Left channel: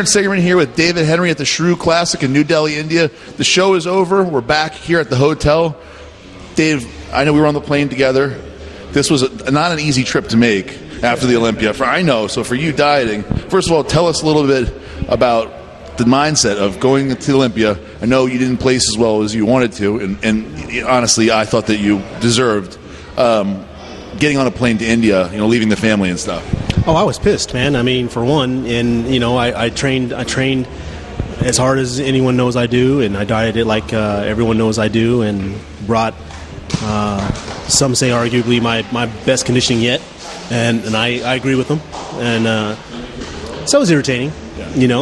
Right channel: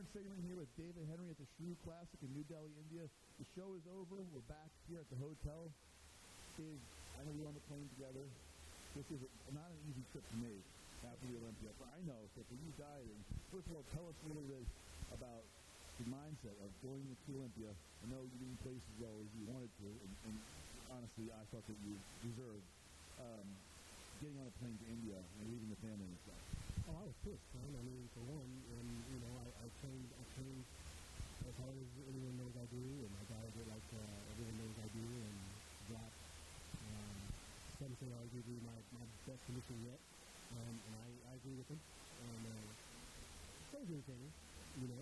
Aaron Sigerman here with David Henry at the Sheru Classic in New Delhi, India. The show is over. We're back here at the hotel. Dave, I know we were on the plane together. This was not an easy trip to make after the Olympia. I know. So for you dieting, first of all, tell us a little bit about the mindset of going to Olympia. I know you didn't place as well as you wanted to, and honestly, I thought that you deserved getting on a plane to India, leaving the family and stuff. Oh, I was pissed, man. I mean, for one, and I trained as hard as anyone knows I do, and I dieted like everyone knows I do, and brought some say arguably my best conditioning yet, and I agree with them, and so it was irritating,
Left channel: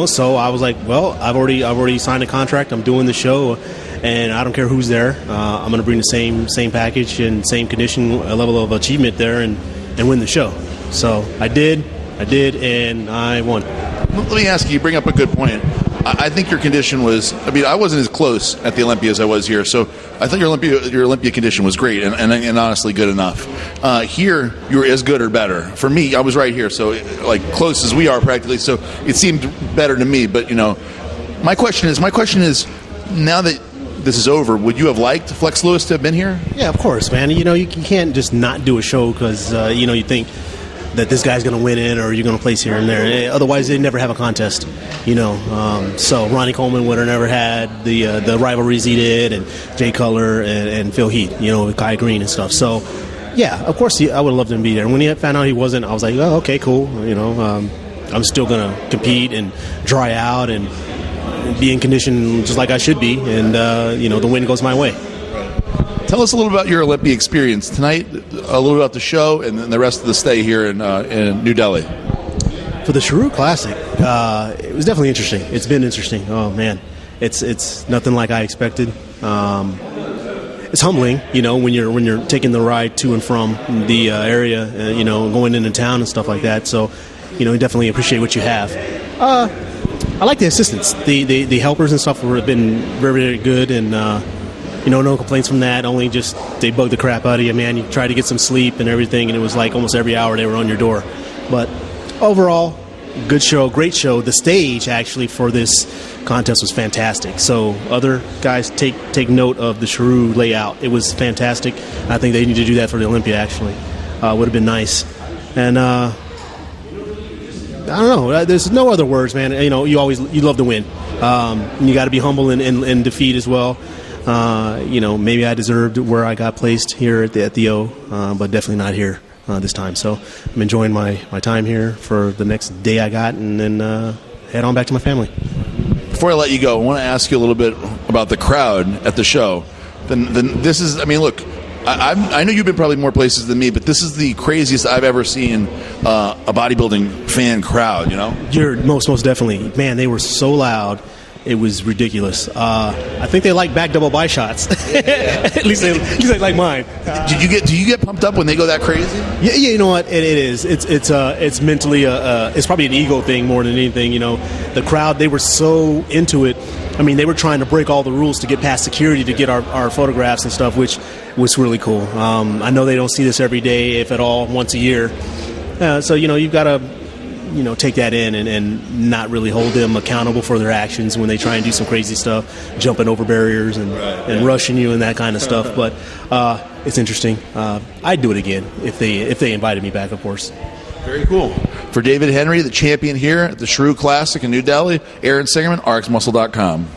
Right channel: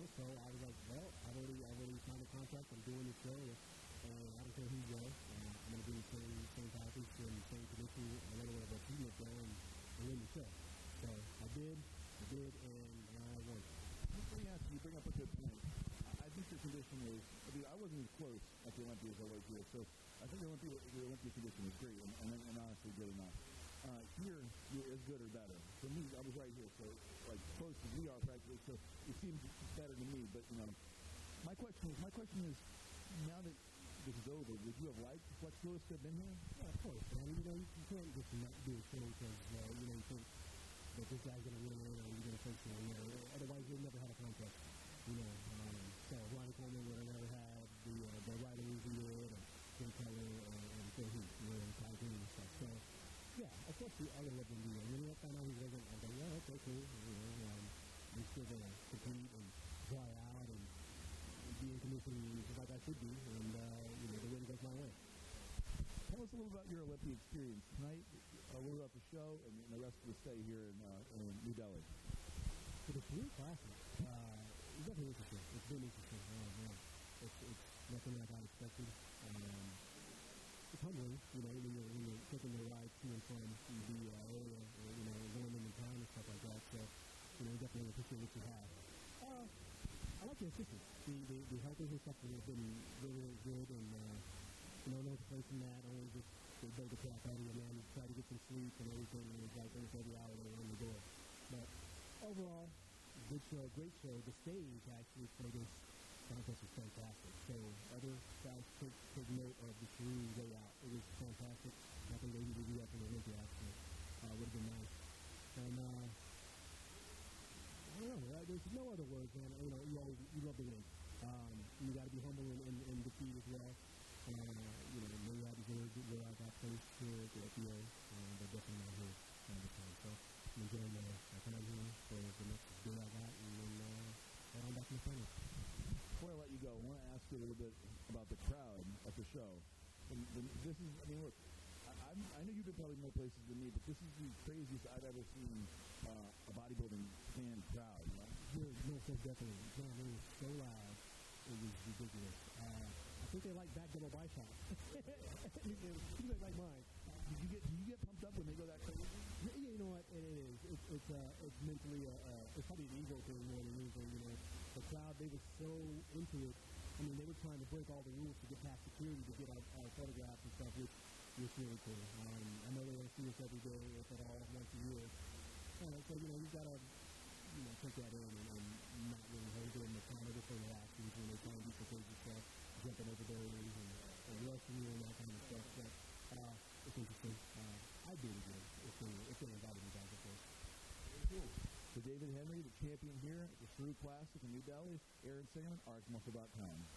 So I was like, well, I've already signed a contract. I'm doing the show, and I don't care who's there. I'm going to bring the same package and same condition level of achievement there, and win the show. So I did, and I won. Let me ask you, you bring up a good point. I think your condition was, I wasn't as close at the Olympia as I was here, so I thought your Olympia condition was great and honestly good enough. Here, you were as good or better. For me, I was right here, so like close as we are practically, so it seemed better to me. But, my question is, now that this is over, would you have liked Flex Lewis to have been here? Yeah, of course, man. You can't just not do a show because, you think that this guy's going to win it or you're going to place here and there. Otherwise, they'd never have a contest, So Ronnie Coleman would have never had the rivalries he did, and Jay Cutler and Phil Heath, with Kai Green and stuff. So, yeah, of course, I would have loved him to be there. And when he found out he wasn't, I was like, oh, okay, cool. I'm still going to compete and dry out and be in condition just like I should be. And, the win goes my way. Tell us a little about your Olympia experience tonight, a little about the show, and then the rest of the stay here in New Delhi. For the Sheru Classic, it was definitely interesting. It's been interesting. Oh man, it's nothing like I expected. It's humbling, when you're taking the ride to and from the area, going into town and stuff like that. So, you definitely appreciate what you have. I like the assistants, the helpers and stuff have been very, very good, and no complaints from that. Only just they bugged the crap out of you, man. You try to get some sleep and everything, and it was like almost every hour they were on your door. But overall, good show, great show. The stage actually for this contest was fantastic. So other guys take note of the Sheru layout. It was fantastic. I think they need to do that for the Olympia. Actually, would have been nice. And I don't know. There's no other words, man. You love to win. You got to be humble in defeat as well. Maybe I deserved where I got placed here at the O, but definitely not here this time. So I'm enjoying my time here for the next day I got, and then head on back to my family. Before I let you go, I want to ask you a little bit about the crowd at the show. Then this is, look, I know you've been probably more places than me, but this is the craziest I've ever seen a bodybuilding fan crowd, You're most definitely. Man, they were so loud. It was ridiculous. I think they like back double by shots. at least they like mine. Do you get pumped up when they go that crazy? Yeah. You know what? It is. It's mentally it's probably an ego thing more than anything. The crowd, they were so into it. They were trying to break all the rules to get past security to get our photographs and stuff, which was really cool. I know they don't see this every day, if at all, once a year. So you've got to take that in and not really hold them accountable for their actions when they try and do some crazy stuff, jumping over barriers and rushing you and that kind of stuff. But it's interesting. I'd do it again if they invited me back, of course. Very cool. For David Henry, the champion here at the Sheru Classic in New Delhi, Aaron Sigerman, RxMuscle.com.